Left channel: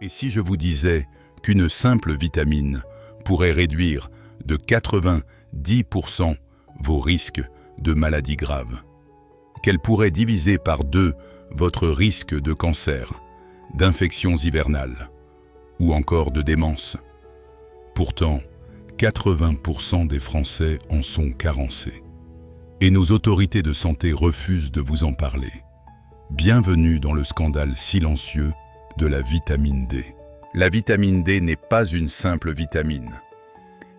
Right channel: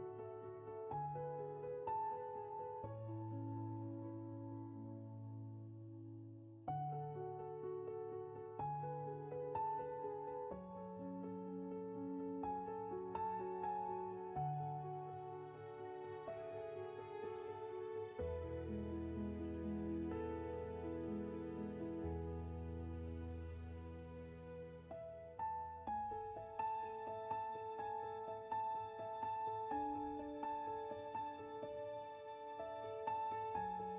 Et si je vous disais qu'une simple vitamine pourrait réduire de 90% vos risques de maladies graves, qu'elle pourrait diviser par 2 votre risque de cancer, d'infections hivernales ou encore de démence. Pourtant, 80% des Français en sont carencés. Et nos autorités de santé refusent de vous en parler. Bienvenue dans le scandale silencieux de la vitamine D. La vitamine D n'est pas une simple vitamine.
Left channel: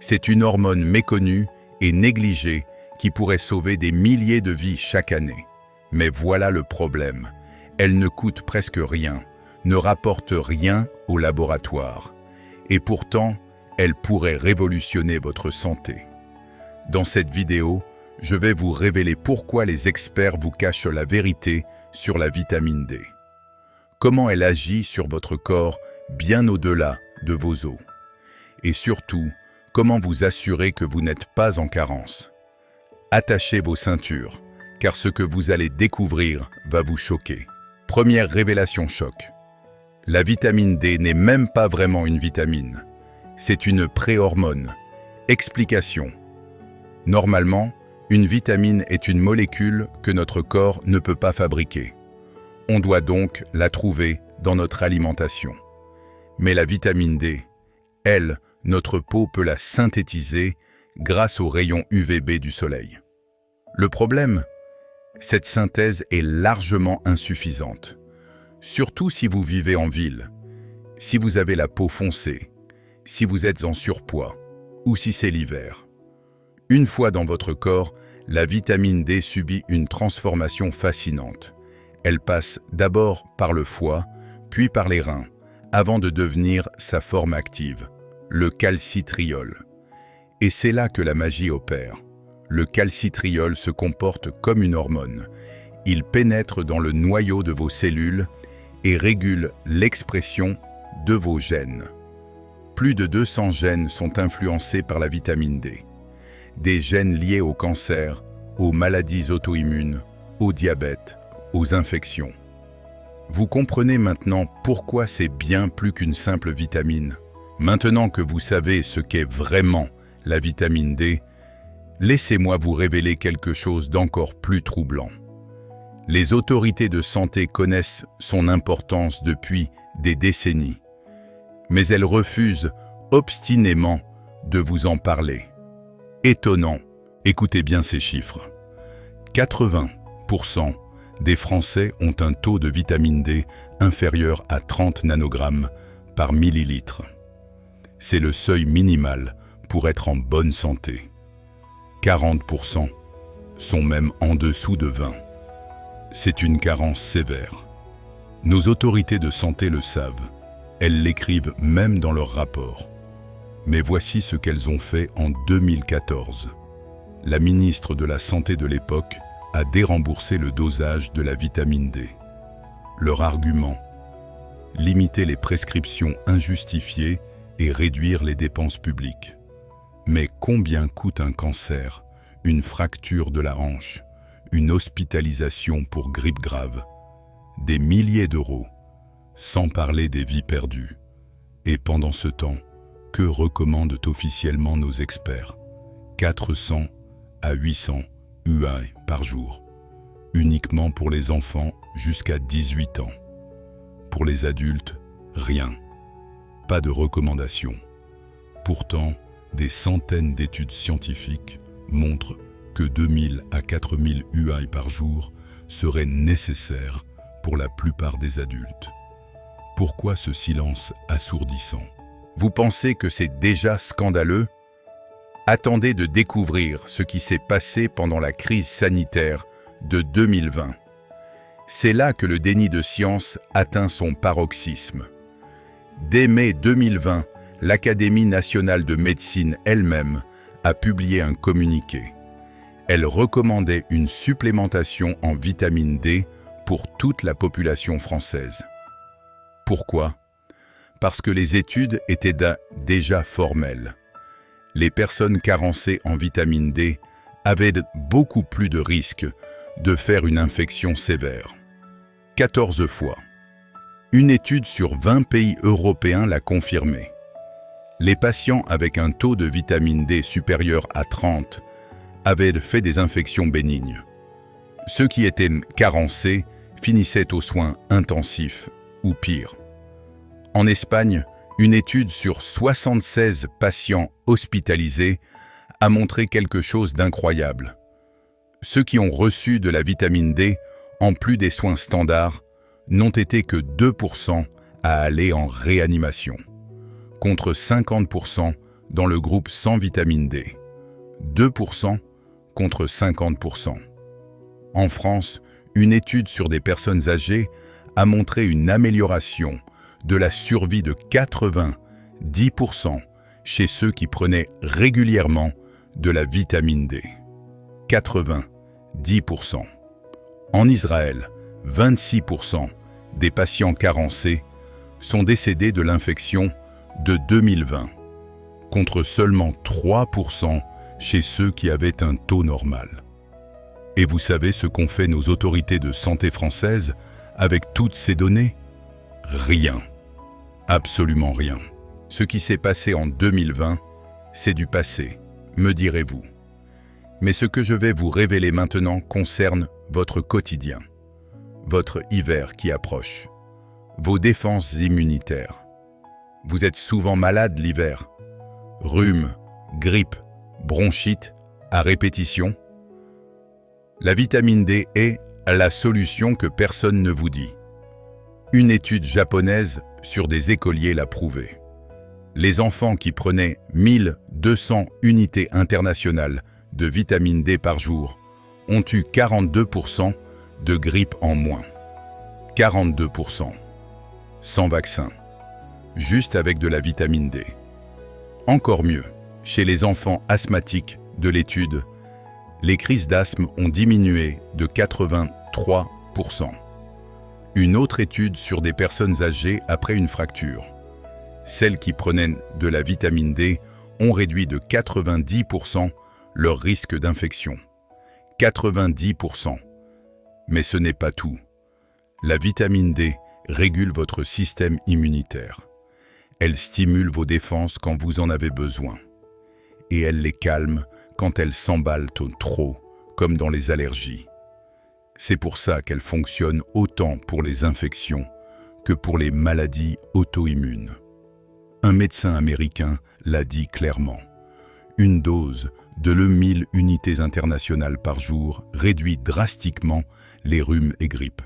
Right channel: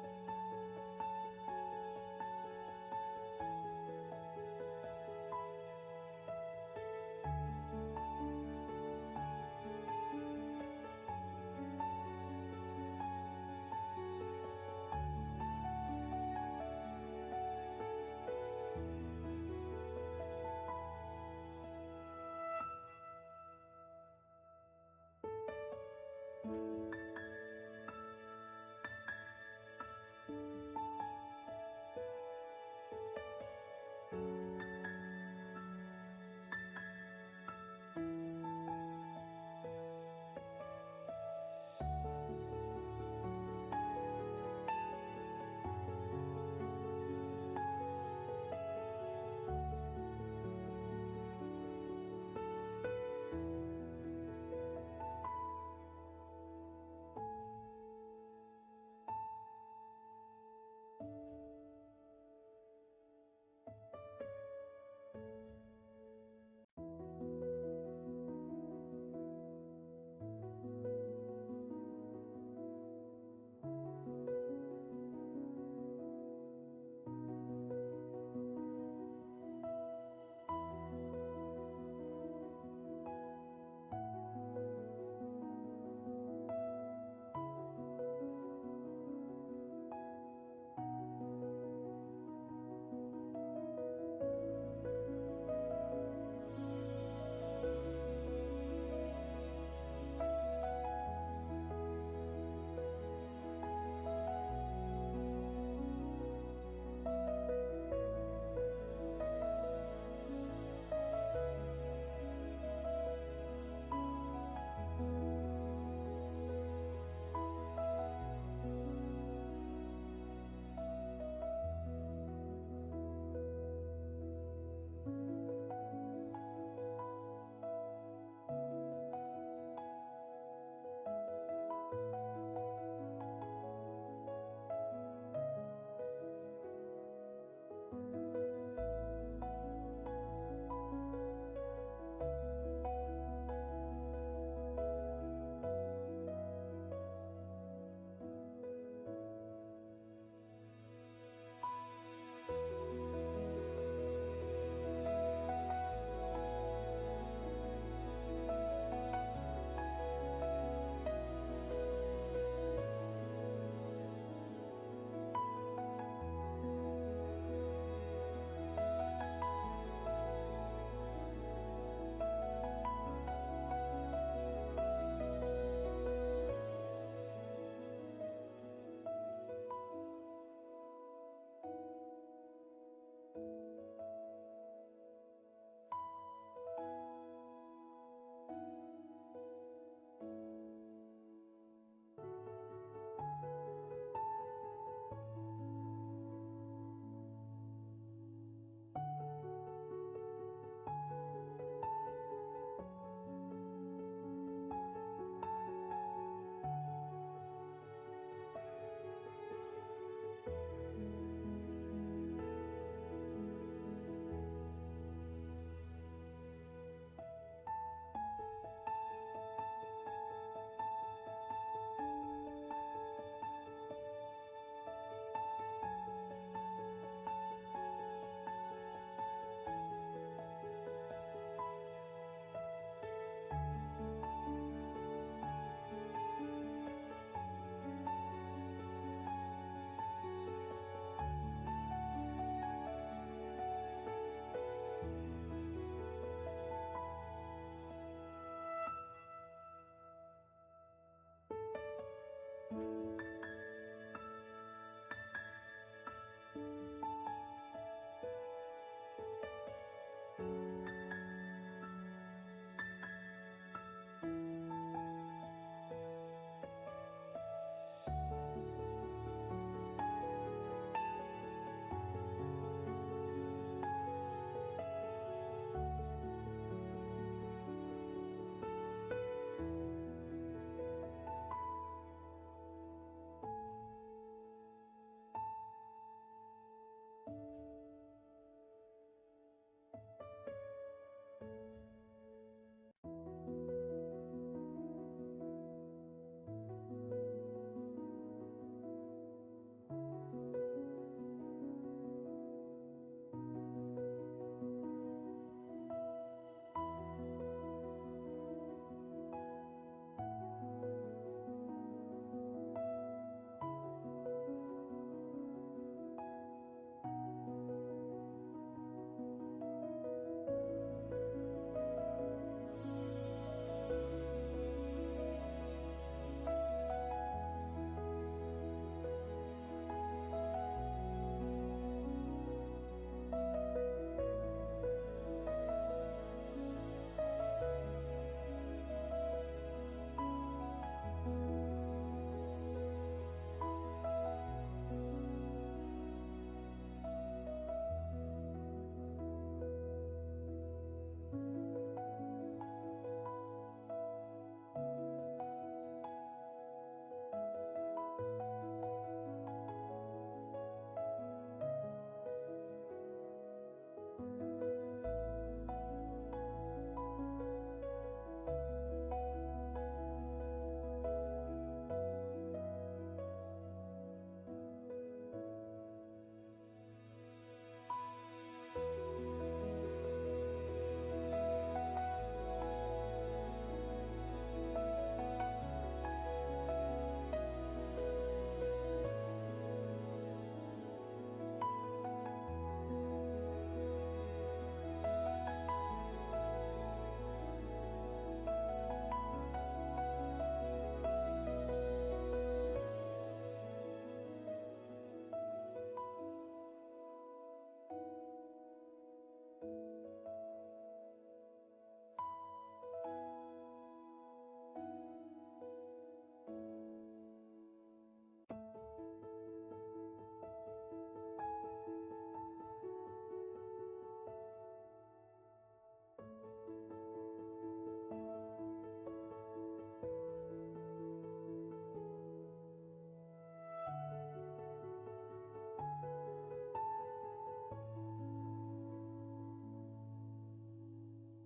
C'est une hormone méconnue et négligée qui pourrait sauver des milliers de vies chaque année. Mais voilà le problème. Elle ne coûte presque rien, ne rapporte rien au laboratoire. Et pourtant, elle pourrait révolutionner votre santé. Dans cette vidéo, je vais vous révéler pourquoi les experts vous cachent la vérité sur la vitamine D. Comment elle agit sur votre corps bien au-delà de vos os. Et surtout, comment vous assurer que vous n'êtes pas en carence. Attachez vos ceintures, car ce que vous allez découvrir va vous choquer. Première révélation choc. La vitamine D n'est même pas vraiment une vitamine. C'est une préhormone. Explication. Normalement, une vitamine est une molécule que notre corps ne peut pas fabriquer. On doit donc la trouver dans notre alimentation. Mais la vitamine D, elle, notre peau peut la synthétiser grâce aux rayons UVB du soleil. Le problème, cette synthèse est largement insuffisante. Surtout si vous vivez en ville, si vous avez la peau foncée, si vous êtes en surpoids ou si c'est l'hiver. Une fois dans votre corps, la vitamine D subit une transformation fascinante. Elle passe d'abord par le foie, puis par les reins, avant de devenir sa forme active, le calcitriol. Et c'est là que la magie opère. Le calcitriol se comporte comme une hormone. Il pénètre dans le noyau de vos cellules et régule l'expression de vos gènes. Plus de 200 gènes sont influencés par la vitamine D. Des gènes liés au cancer, aux maladies auto-immunes, au diabète, aux infections. Vous comprenez maintenant pourquoi c'est bien plus qu'une simple vitamine. Maintenant que vous savez ce qu'est vraiment la vitamine D, laissez-moi vous révéler quelque chose d'encore plus troublant. Les autorités de santé connaissent son importance depuis des décennies, mais elles refusent obstinément de vous en parler. Étonnant, écoutez bien ces chiffres. 80% des Français ont un taux de vitamine D inférieur à 30 nanogrammes par millilitre. C'est le seuil minimal pour être en bonne santé. 40% sont même en dessous de 20. C'est une carence sévère. Nos autorités de santé le savent. Elles l'écrivent même dans leurs rapports. Mais voici ce qu'elles ont fait en 2014. La ministre de la Santé de l'époque a déremboursé le dosage de la vitamine D. Leur argument: limiter les prescriptions injustifiées et réduire les dépenses publiques. Mais combien coûte un cancer, une fracture de la hanche, une hospitalisation pour grippe grave? Des milliers d'euros, sans parler des vies perdues. Et pendant ce temps, que recommandent officiellement nos experts? 400 à 800 UI par jour, uniquement pour les enfants jusqu'à 18 ans. Pour les adultes, rien. Pas de recommandations. Pourtant, des centaines d'études scientifiques montrent que 2000 à 4000 UI par jour seraient nécessaires pour la plupart des adultes. Pourquoi ce silence assourdissant? Vous pensez que c'est déjà scandaleux? Attendez de découvrir ce qui s'est passé pendant la crise sanitaire de 2020. C'est là que le déni de science atteint son paroxysme. Dès mai 2020, l'Académie nationale de médecine elle-même a publié un communiqué. Elle recommandait une supplémentation en vitamine D pour toute la population française. Pourquoi? Parce que les études étaient déjà formelles. Les personnes carencées en vitamine D avaient beaucoup plus de risques de faire une infection sévère. 14 fois. Une étude sur 20 pays européens l'a confirmé. Les patients avec un taux de vitamine D supérieur à 30 avaient fait des infections bénignes. Ceux qui étaient carencés finissaient aux soins intensifs ou pire. En Espagne, une étude sur 76 patients hospitalisés a montré quelque chose d'incroyable. Ceux qui ont reçu de la vitamine D, en plus des soins standards, n'ont été que 2% à aller en réanimation, contre 50% dans le groupe sans vitamine D. 2% contre 50%. En France, une étude sur des personnes âgées a montré une amélioration de la survie de 90% chez ceux qui prenaient régulièrement de la vitamine D. 90%. En Israël, 26% des patients carencés sont décédés de l'infection de 2020, contre seulement 3% chez ceux qui avaient un taux normal. Et vous savez ce qu'ont fait nos autorités de santé françaises avec toutes ces données? Rien. Absolument rien. Ce qui s'est passé en 2020, c'est du passé, me direz-vous. Mais ce que je vais vous révéler maintenant concerne votre quotidien, votre hiver qui approche, vos défenses immunitaires. Vous êtes souvent malade l'hiver. Rhume, grippe, bronchite à répétition. La vitamine D est la solution que personne ne vous dit. Une étude japonaise sur des écoliers l'a prouvé. Les enfants qui prenaient 1200 unités internationales de vitamine D par jour ont eu 42% de grippe en moins. 42%. Sans vaccin. Juste avec de la vitamine D. Encore mieux, chez les enfants asthmatiques de l'étude, les crises d'asthme ont diminué de 83%. Une autre étude sur des personnes âgées après une fracture. Celles qui prenaient de la vitamine D ont réduit de 90% leur risque d'infection. 90%. Mais ce n'est pas tout. La vitamine D régule votre système immunitaire. Elle stimule vos défenses quand vous en avez besoin. Et elle les calme quand elles s'emballent trop, comme dans les allergies. C'est pour ça qu'elle fonctionne autant pour les infections que pour les maladies auto-immunes. Un médecin américain l'a dit clairement. Une dose de 1000 unités internationales par jour réduit drastiquement les rhumes et grippes.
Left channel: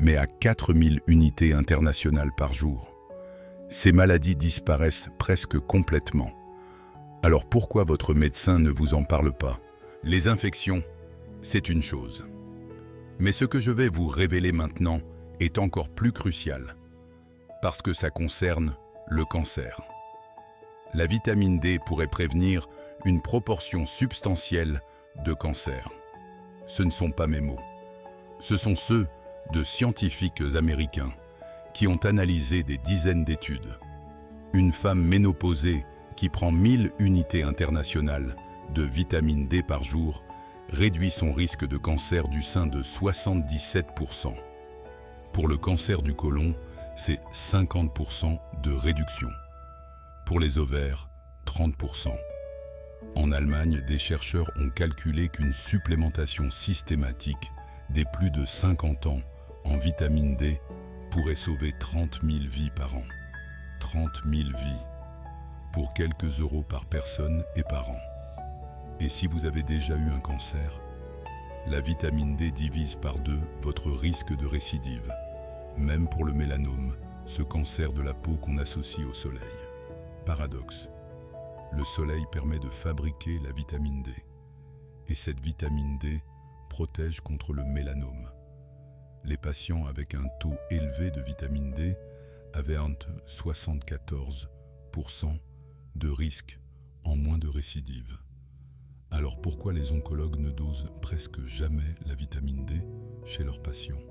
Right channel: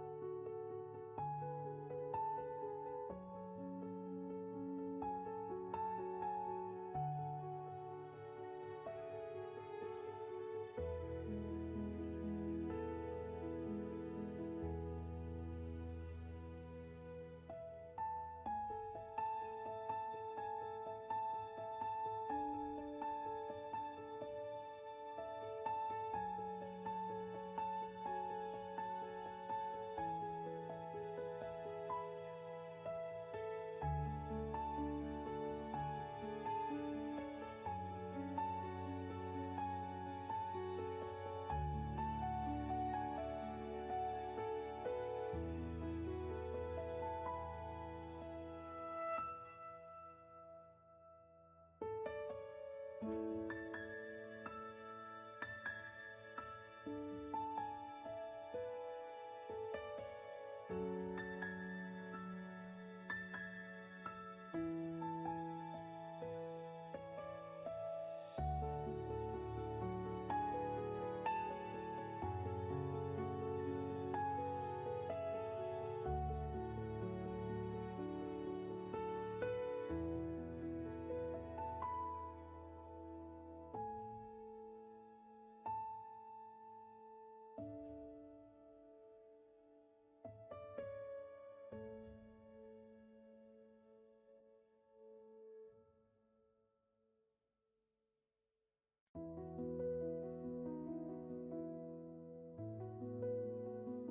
Mais à 4000 unités internationales par jour, ces maladies disparaissent presque complètement. Alors pourquoi votre médecin ne vous en parle pas? Les infections, c'est une chose. Mais ce que je vais vous révéler maintenant est encore plus crucial, parce que ça concerne le cancer. La vitamine D pourrait prévenir une proportion substantielle de cancers. Ce ne sont pas mes mots. Ce sont ceux de scientifiques américains qui ont analysé des dizaines d'études. Une femme ménopausée qui prend 1000 unités internationales de vitamine D par jour réduit son risque de cancer du sein de 77%. Pour le cancer du côlon, c'est 50% de réduction. Pour les ovaires, 30%. En Allemagne, des chercheurs ont calculé qu'une supplémentation systématique des plus de 50 ans en vitamine D pourrait sauver 30 000 vies par an. 30 000 vies, pour quelques euros par personne et par an. Et si vous avez déjà eu un cancer, la vitamine D divise par 2 votre risque de récidive, même pour le mélanome, ce cancer de la peau qu'on associe au soleil. Paradoxe. Le soleil permet de fabriquer la vitamine D. Et cette vitamine D protège contre le mélanome. Les patients avec un taux élevé de vitamine D avaient entre 74% de risque en moins de récidive. Alors pourquoi les oncologues ne dosent presque jamais la vitamine D chez leurs patients?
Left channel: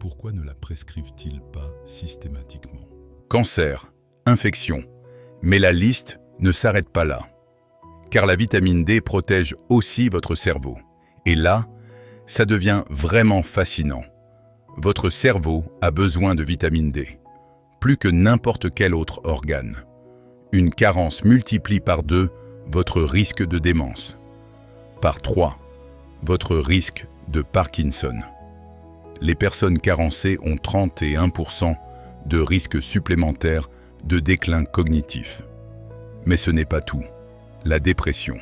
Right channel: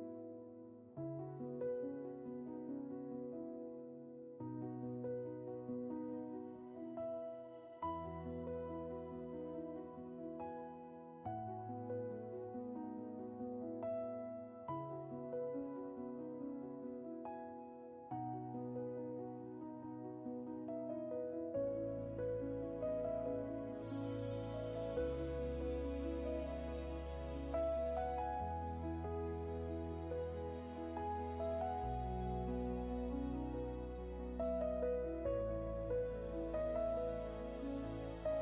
Pourquoi ne la prescrivent-ils pas systématiquement? Cancer, infection. Mais la liste ne s'arrête pas là. Car la vitamine D protège aussi votre cerveau. Et là, ça devient vraiment fascinant. Votre cerveau a besoin de vitamine D, plus que n'importe quel autre organe. Une carence multiplie par 2 votre risque de démence, par 3 votre risque de Parkinson. Les personnes carencées ont 31% de risque supplémentaire de déclin cognitif. Mais ce n'est pas tout. La dépression.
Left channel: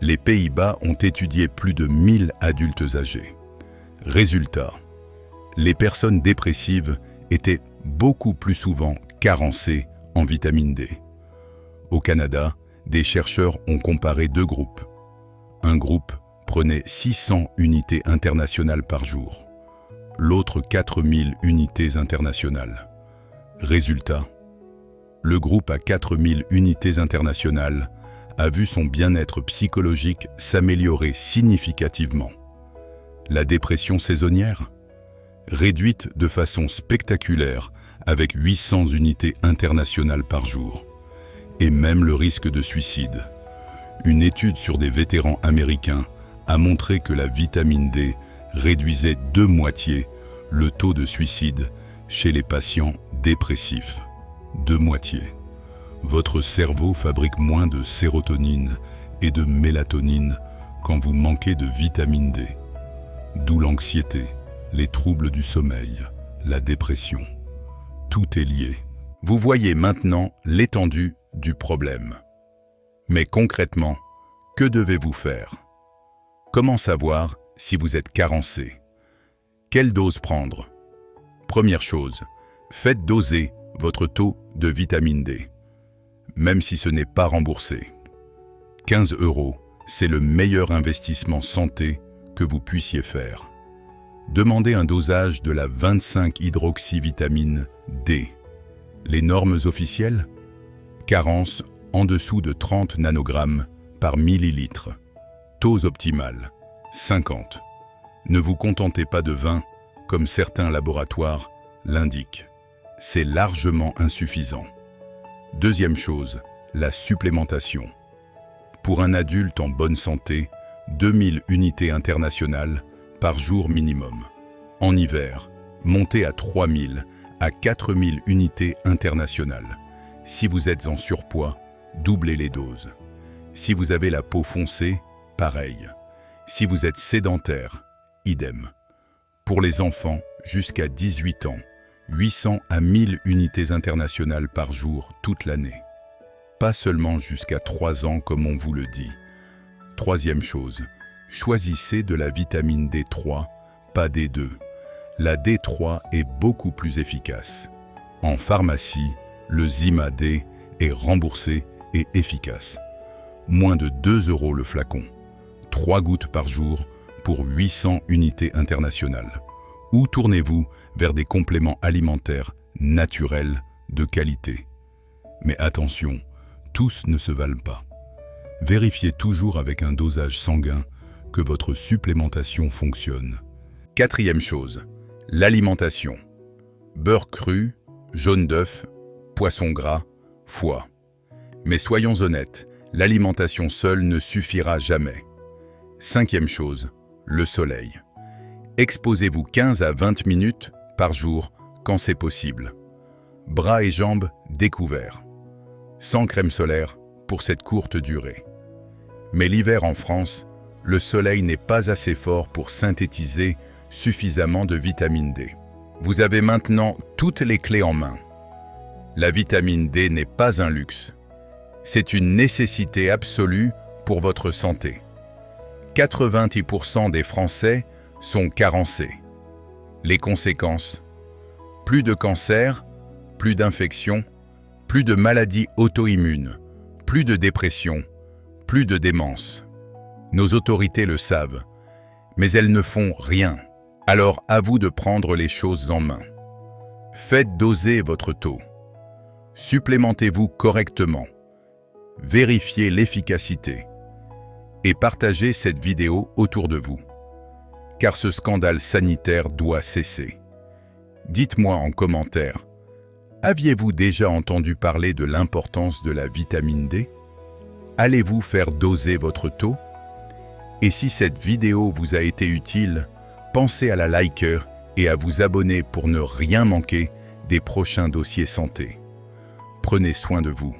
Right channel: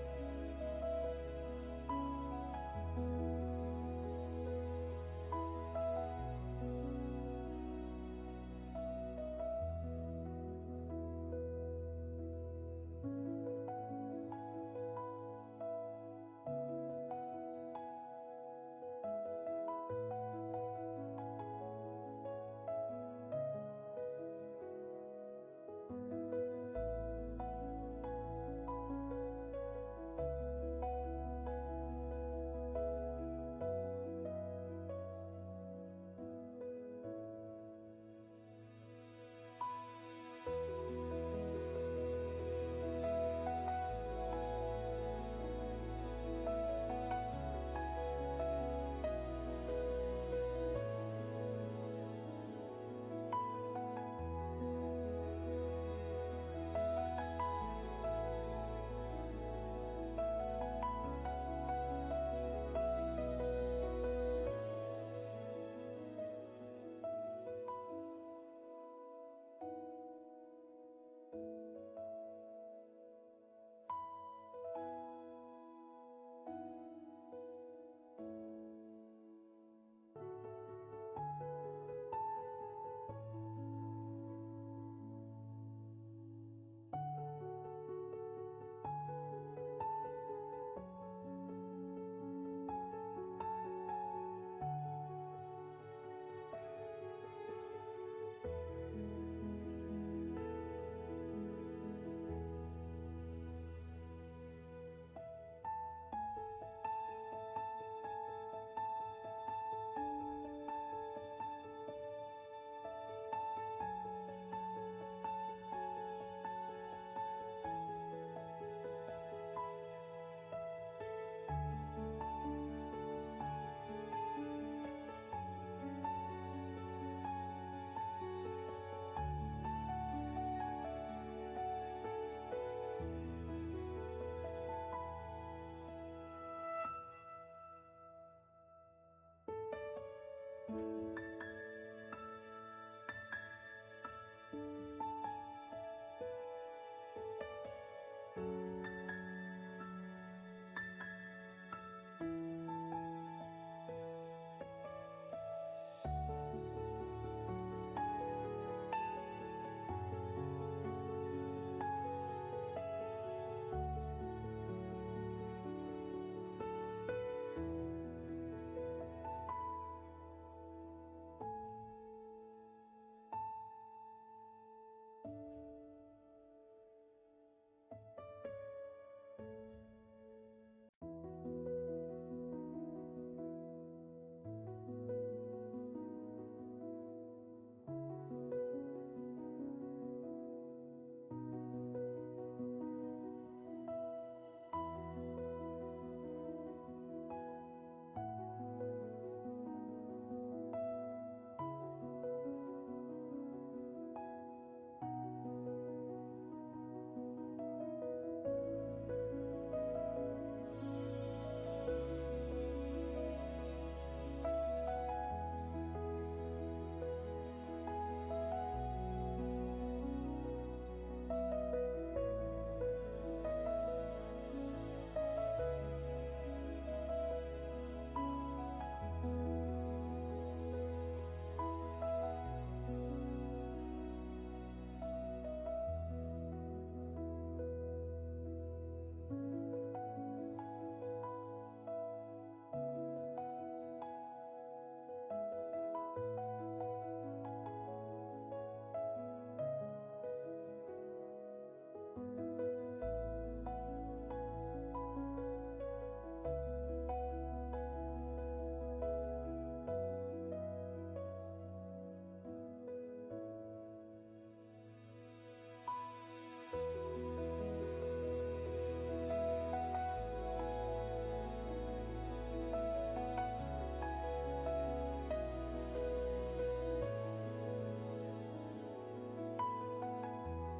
Les Pays-Bas ont étudié plus de 1000 adultes âgés. Résultat, les personnes dépressives étaient beaucoup plus souvent carencées en vitamine D. Au Canada, des chercheurs ont comparé 2 groupes. Un groupe prenait 600 unités internationales par jour, l'autre 4000 unités internationales. Résultat, le groupe à 4000 unités internationales a vu son bien-être psychologique s'améliorer significativement. La dépression saisonnière, réduite de façon spectaculaire avec 800 unités internationales par jour, et même le risque de suicide. Une étude sur des vétérans américains a montré que la vitamine D réduisait de moitié le taux de suicide chez les patients dépressifs. De moitié. Votre cerveau fabrique moins de sérotonine et de mélatonine quand vous manquez de vitamine D. D'où l'anxiété, les troubles du sommeil, la dépression. Tout est lié. Vous voyez maintenant l'étendue du problème. Mais concrètement, que devez-vous faire? Comment savoir si vous êtes carencé? Quelle dose prendre? Première chose, faites doser votre taux de vitamine D, même si ce n'est pas remboursé. 15 €, c'est le meilleur investissement santé que vous puissiez faire. Demandez un dosage de la 25-hydroxyvitamine D. Les normes officielles? Carence en dessous de 30 nanogrammes par millilitre. Dose optimale, 50. Ne vous contentez pas de 20, comme certains laboratoires l'indiquent. C'est largement insuffisant. Deuxième chose, la supplémentation. Pour un adulte en bonne santé, 2000 unités internationales par jour minimum. En hiver, montez à 3000 à 4000 unités internationales. Si vous êtes en surpoids, doublez les doses. Si vous avez la peau foncée, pareil. Si vous êtes sédentaire, idem. Pour les enfants jusqu'à 18 ans, 800 à 1000 unités internationales par jour toute l'année. Pas seulement jusqu'à 3 ans comme on vous le dit. Troisième chose, choisissez de la vitamine D3, pas D2. La D3 est beaucoup plus efficace. En pharmacie, le Zima-D est remboursé et efficace. Moins de 2 € le flacon. 3 gouttes par jour pour 800 unités internationales. Ou tournez-vous vers des compléments alimentaires naturels de qualité. Mais attention, tous ne se valent pas. Vérifiez toujours avec un dosage sanguin que votre supplémentation fonctionne. Quatrième chose, l'alimentation. Beurre cru, jaune d'œuf, poisson gras, foie. Mais soyons honnêtes, l'alimentation seule ne suffira jamais. Cinquième chose, le soleil. Exposez-vous 15 à 20 minutes par jour quand c'est possible. Bras et jambes découverts. Sans crème solaire pour cette courte durée. Mais l'hiver en France, le soleil n'est pas assez fort pour synthétiser suffisamment de vitamine D. Vous avez maintenant toutes les clés en main. La vitamine D n'est pas un luxe. C'est une nécessité absolue pour votre santé. 90% des Français sont carencés. Les conséquences? Plus de cancer, plus d'infections, plus de maladies auto-immunes, plus de dépression, plus de démence. Nos autorités le savent, mais elles ne font rien. Alors à vous de prendre les choses en main. Faites doser votre taux. Supplémentez-vous correctement. Vérifiez l'efficacité. Et partagez cette vidéo autour de vous. Car ce scandale sanitaire doit cesser. Dites-moi en commentaire, aviez-vous déjà entendu parler de l'importance de la vitamine D? Allez-vous faire doser votre taux? Et si cette vidéo vous a été utile, pensez à la liker et à vous abonner pour ne rien manquer des prochains dossiers santé. Prenez soin de vous.